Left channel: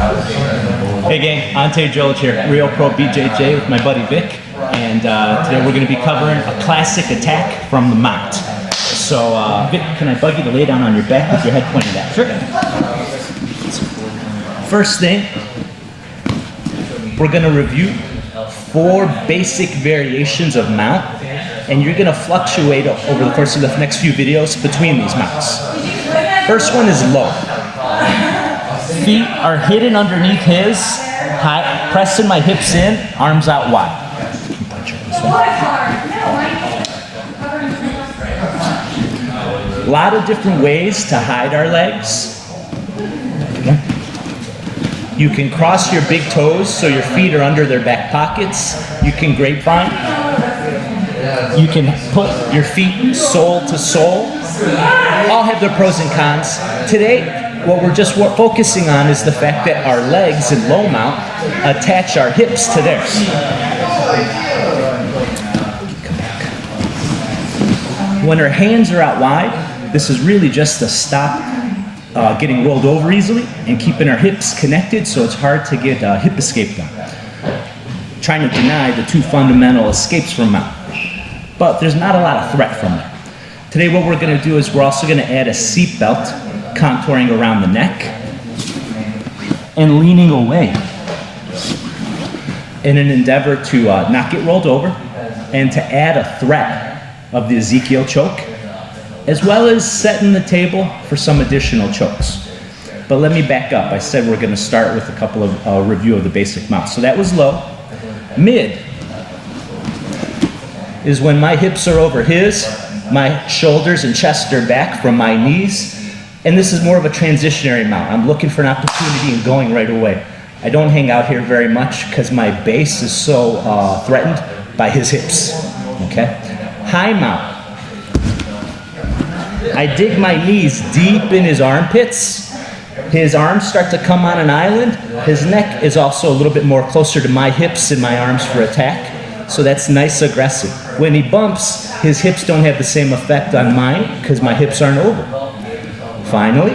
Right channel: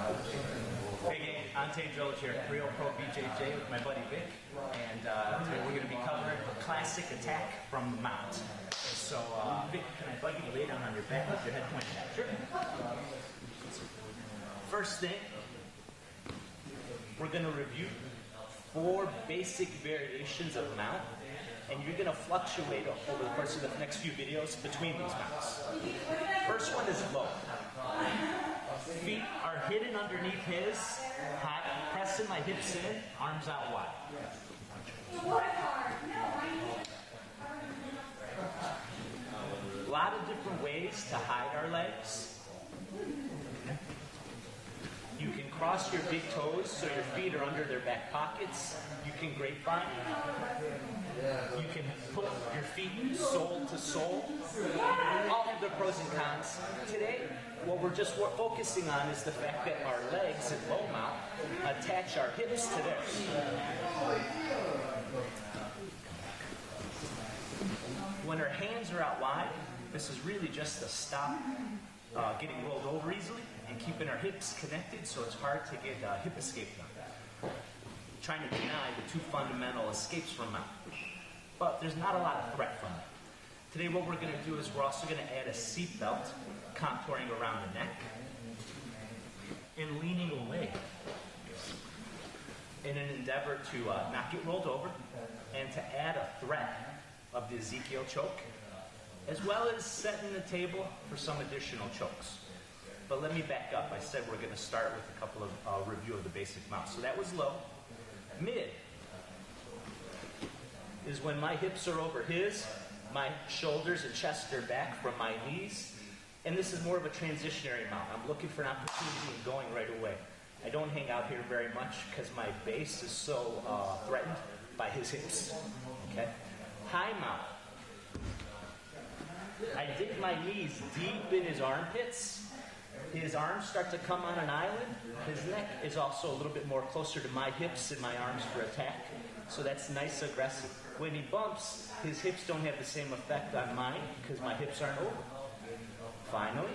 Hey gang, Ante Dzolic here, Real Pro BJJ with my buddy Vic, and today we're going to be covering a classic attack from the mount. So Vic, can I bug you to lay down on your back with your head pointed out? Sure. First thing, we're going to review 4 basic variations of mount, and you're going to fluctuate over the course of the next few videos between these mounts. First one is low. Feet are hidden underneath his, pressing my hips in, arms out wide. A lot of different ways to hide our legs. You can cross your big toes so your feet are under their back pockets. You can grapevine. You can put your feet sole to sole. All have their pros and cons. Today, what we're just focusing on is the fact that our legs in low mount attach our hips to theirs. When our hands are out wide, this is really just to stop getting rolled over easily and keeping our hips connected so it's hard to get hip escape done. Trying to deny the 2 fundamental escapes from mount. But there's not a lot of threat from there. Today what we're going to do is we're also going to add a seat belt contouring around the neck and leaning away in an endeavor to not get rolled over and to add a threat of the Ezekiel choke, as well as setting the table for some additional chokes. But let me back up. I said we're going to start with a couple of review of the basic mounts. So that was low. Mid is when my hips are over his, my shoulders and chest are back from my knees, and this is more of a transitionary mount. I'm looking for an opportunity and going right away. I don't hang out here very much because my base is so threatened by his hips, okay? High mount. I dig my knees deep in his armpits. His arms start to come on an island. His neck is also a little bit more closer to my hips and my arms for attack. So that's nice aggressive. When he bumps, his hips don't have the same effect on mine because my hips aren't over. Finally,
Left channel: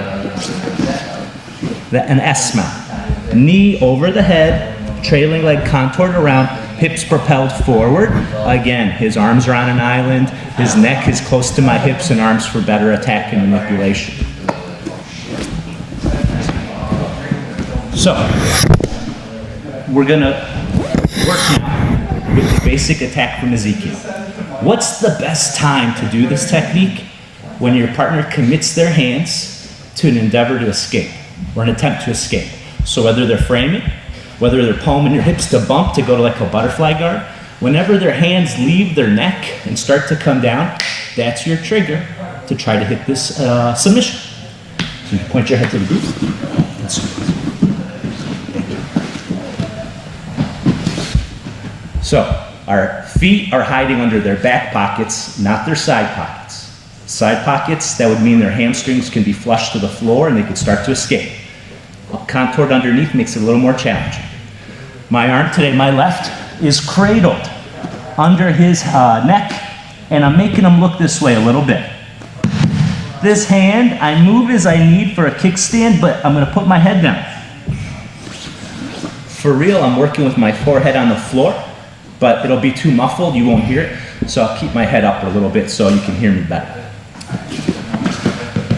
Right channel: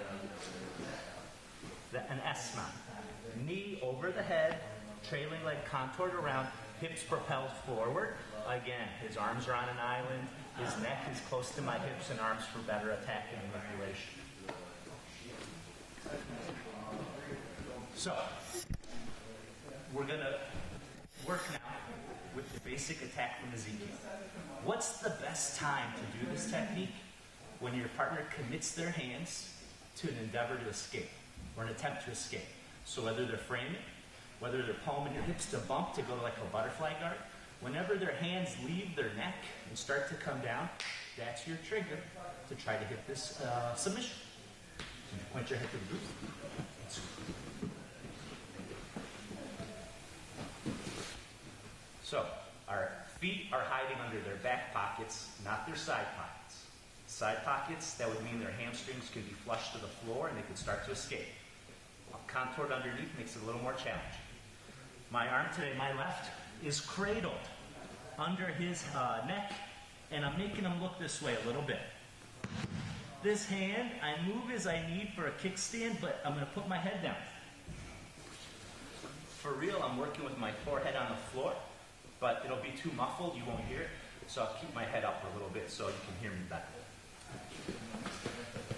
an S mount. Knee over the head, trailing leg contoured around, hips propelled forward. Again, his arms are on an island, his neck is close to my hips and arms for better attack and manipulation. So, we're gonna work now with the basic attack from Ezekiel. What's the best time to do this technique? When your partner commits their hands to an endeavor to escape, or an attempt to escape. So whether they're framing, whether they're palming your hips to bump to go to like a butterfly guard, whenever their hands leave their neck and start to come down, that's your trigger to try to hit this submission. So you can point your head to the group. So our feet are hiding under their back pockets, not their side pockets. Side pockets, that would mean their hamstrings can be flush to the floor and they could start to escape. Contoured underneath makes it a little more challenging. My arm today, my left, is cradled under his neck, and I'm making him look this way a little bit. This hand, I move as I need for a kickstand, but I'm going to put my head down. For real, I'm working with my forehead on the floor, but it'll be too muffled, you won't hear it, so I'll keep my head up a little bit so you can hear me better.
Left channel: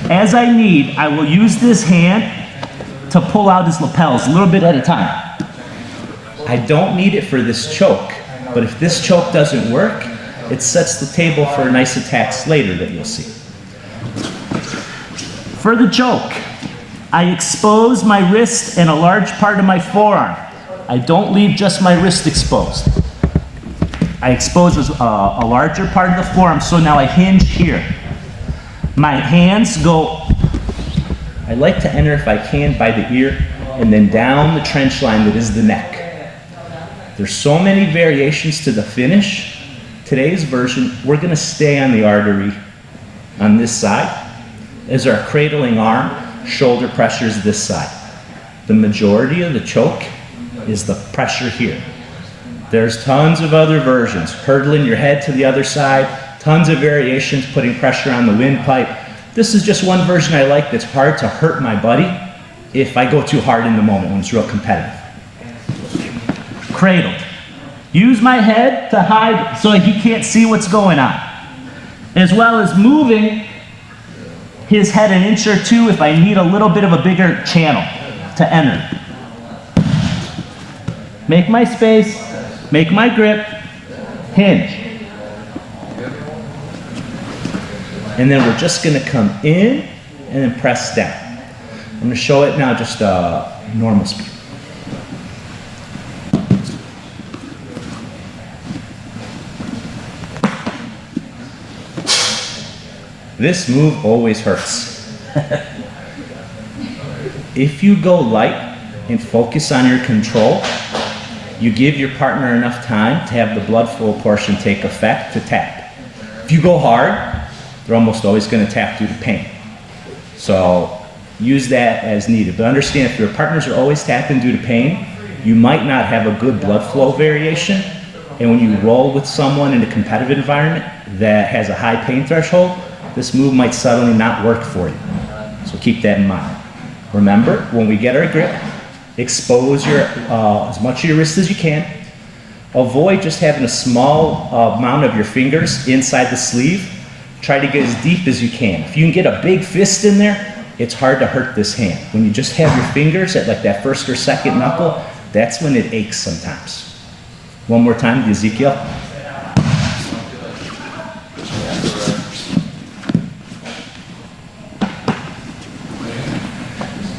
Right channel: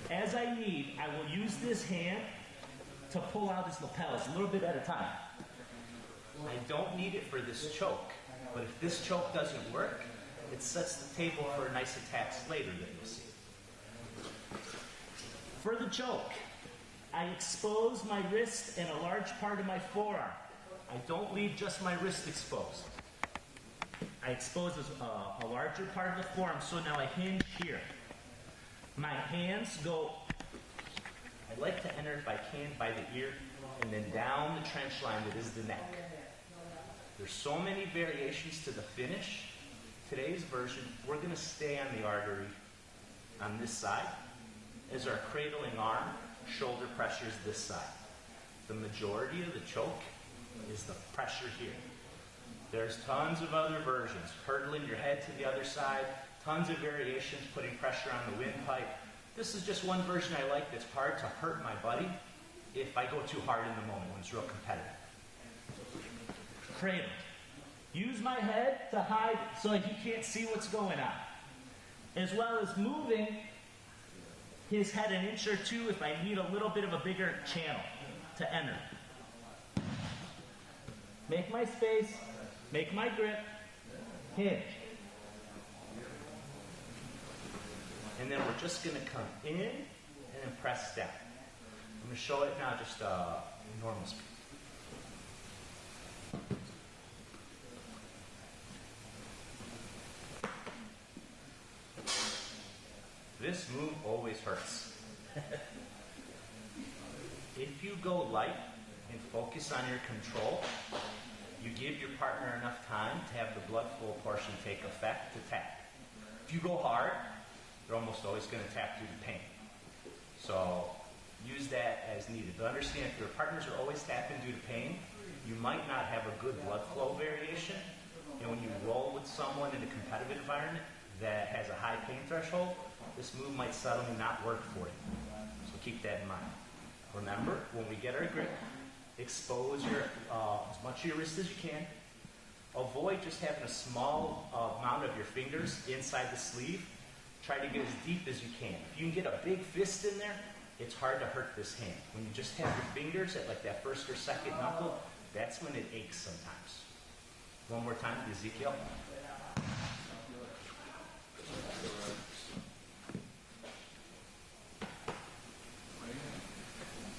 As I need, I will use this hand to pull out his lapels a little bit at a time. I don't need it for this choke, but if this choke doesn't work, it sets the table for nice attacks later that you'll see. For the choke, I expose my wrist and a large part of my forearm. I don't leave just my wrist exposed. I expose a larger part of the forearm, so now I hinge here. My hands go, I like to enter if I can by the ear and then down the trench line that is the neck. There's so many variations to the finish. Today's version, we're gonna stay on the artery on this side as our cradling arm, shoulder pressures this side. The majority of the choke is the pressure here. There's tons of other versions, hurdling your head to the other side, tons of variations, putting pressure on the windpipe. This is just one version I like that's hard to hurt my buddy if I go too hard in the moment when it's real competitive. Cradled. Use my head to hide so he can't see what's going on, as well as moving his head an inch or two if I need a little bit of a bigger channel to enter. Make my space, make my grip, hinge. And then we're just gonna come in and then press down. I'm gonna show it now just normal speed. This move always hurts. If you go light and focus on your control, you give your partner enough time to have the blood flow portion take effect to tap. If you go hard, they're almost always going to tap due to pain. So use that as needed. But understand, if your partners are always tapping due to pain, you might not have a good blood flow variation. And when you roll with someone in a competitive environment that has a high pain threshold, this move might suddenly not work for you. So keep that in mind. Remember, when we get our grip, expose your as much of your wrist as you can. Avoid just having a small amount of your fingers inside the sleeve. Try to get as deep as you can. If you can get a big fist in there, it's hard to hurt this hand. When you just have your fingers at like that first or second knuckle, that's when it aches sometimes. One more time, the Ezekiel.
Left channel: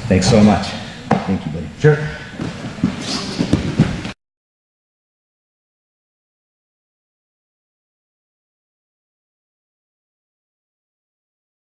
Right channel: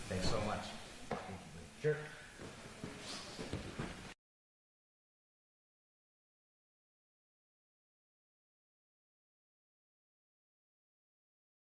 Thanks so much. Thank you, buddy. Sure.